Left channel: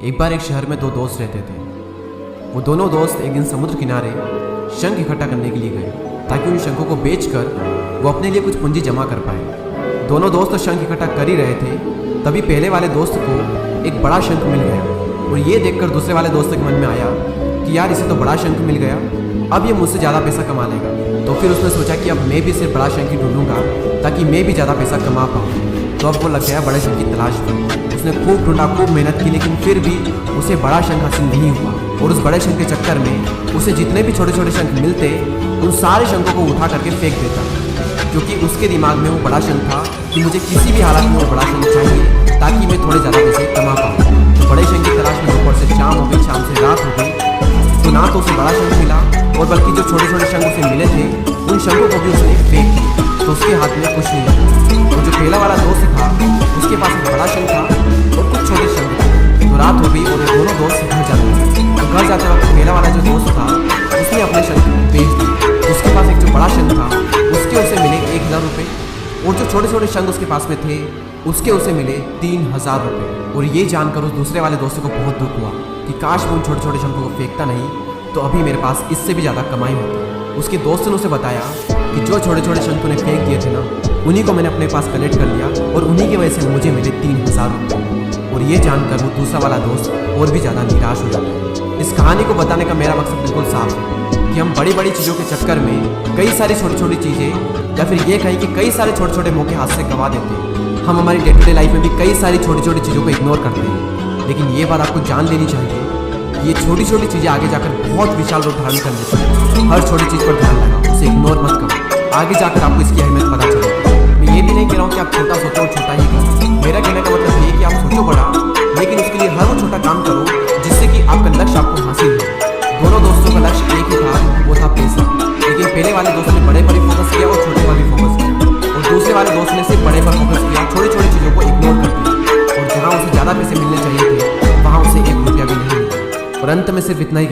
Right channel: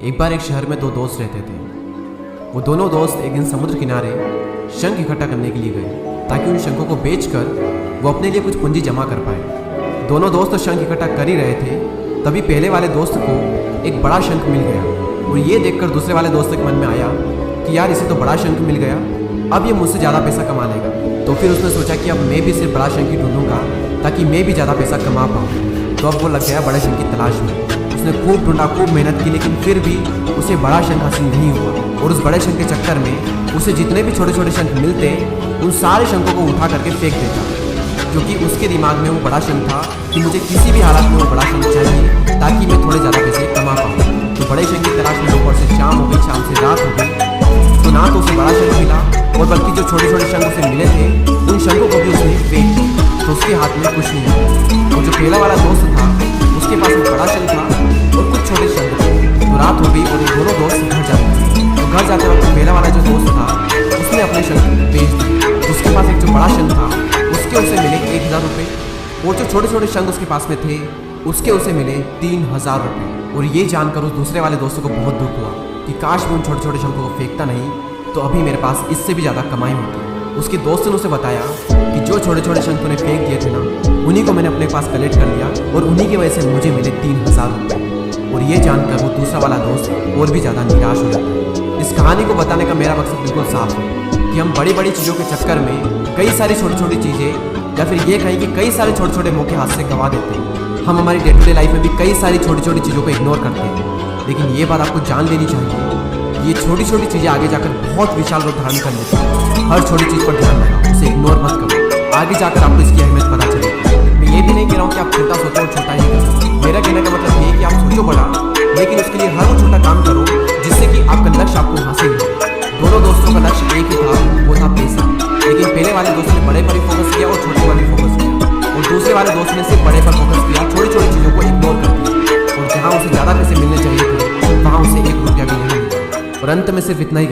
एक बार एक शहर में दो दोस्त रहते थे। वो दोनों दोस्त एक दिन समुद्र किनारे शंख इकट्ठा करने के लिए गए ताकि उन शंखों को बेचकर वो अपने लिए कुछ पूंजी जमा कर पाए। दोनों दोस्त शंख इकट्ठा कर ही रहे थे, तभी पहले वाले दोस्त को एक बड़ा शंख मिल गया और ये देखकर दूसरे वाले दोस्त के मन में आया कि यार इसे तो बड़ा शंख मिल गया, अब ये मुझसे ज़्यादा पैसा कमा लेगा। तो फिर उसने सोचा कि अब मैं भी सिर्फ बड़ा शंख ही ढूंढूंगा ताकि मैं भी ज़्यादा पैसा कमा पाऊँ। तो अब वो लग गया बड़े शंख की तलाश में। उसने खूब ढूंढा, खूब मेहनत की, लेकिन फिर भी उसे बड़ा शंख हासिल नहीं हुआ। और उस बड़े शंख के चक्कर में उसे जितने भी छोटे छोटे शंख मिलते उन सारे शंखों को उठा करके फेंक देता, क्योंकि उसके दिमाग में वो बड़ा शंख था कि मुझे किसी भी हालत में वो बड़ा शंख चाहिए ताकि मैं थोड़े ज़्यादा पैसे कमा पाऊँ। तो बड़े शंख की तलाश में दोपहर से शाम हो गई, शाम से रात हो गई, तो ना तो उसे बड़ा शंख मिला और बल्कि जो छोटे छोटे शंख उसे मिले थे उन शंखों को भी उसने फेंक दिया। तो उसके हाथ में कुछ नहीं आया। और जो पहला वाला दोस्त था उसके पास एक बड़ा शंख था और कुछ छोटे शंख थे। तो रात हो गई और वो दोनों दोस्त घर जाने लगे। तो घर जाते वक्त पहला वाला जो दोस्त था उसने अपने शंख बेच दिए। तो उसके पास एक जो बड़ा शंख था उसके उसे मिले 1000 रुपये और जो छोटे छोटे शंख उसके पास में थे उसके उसे मिले 3000 रुपये। और ये जानकर उस दूसरे वाले दोस्तों को बहुत दुख हुआ कि काश मैं उन छोटे छोटे शंखों को फेंकता नहीं तो अभी मेरे पास इससे भी ज़्यादा कमाई होती। उसके दोस्त ने उसे बताया कि जो छोटे छोटे शंख तूने फेंक दिए थे ना उन्हीं को मैंने अपने पास कलेक्ट कर लिया और उन्हीं की वजह से मुझे मिले 3000 रुपये। और ये जानकर वो दूसरा वाला दोस्त और भी ज़्यादा निराश हो जाता है। इस कहानी को बताने का मेरा मकसद बिल्कुल साफ है कि हम बड़ी बड़ी चीज़ों के चक्कर में कई सारी छोटी छोटी चीज़ें या फिर ये कहें कि कई सारे छोटे छोटे मौके हाथ से गंवा देते हैं। हम हमारी डे टू डे लाइफ में भी कई सारी छोटी छोटी चीज़ों को इग्नोर करते हैं, लेकिन ये बात आपको जान लेनी चाहिए ये छोटी छोटी चीज़ें आगे जाकर बहुत विशाल रूप धारण कर लेती हैं। हर छोटी चीज़ पर ध्यान लगाओ, उसे इग्नोर मत करो, आगे जाकर आपको इसकी अहमियत पता चलेगी। मैं ये भी नहीं कह रहा हूँ कि आप छोटा सोचो और छोटा ही करो। मेरा कहने का मतलब ये है कि आप सोचो बड़ा, लेकिन उसके लिए हर वो छोटा काम करो जिससे कि आपका लक्ष्य आपको हासिल हो। दोनों दोस्तों का लक्ष्य एक ही था, वो था पैसा। लेकिन पहले वाले दोस्त ने बड़े पर ही फोकस किया और छोटे पर भी फोकस किया, और दूसरे वाले दोस्त ने सिर्फ बड़े पर फोकस किया, छोटी छोटी चीज़ों को इग्नोर कर दिया। और जहाँ उसे ज़्यादा पैसे मिलने चाहिए थे वहाँ उसे 1 रुपया भी नहीं मिला। और अंत में सिर्फ इतना ही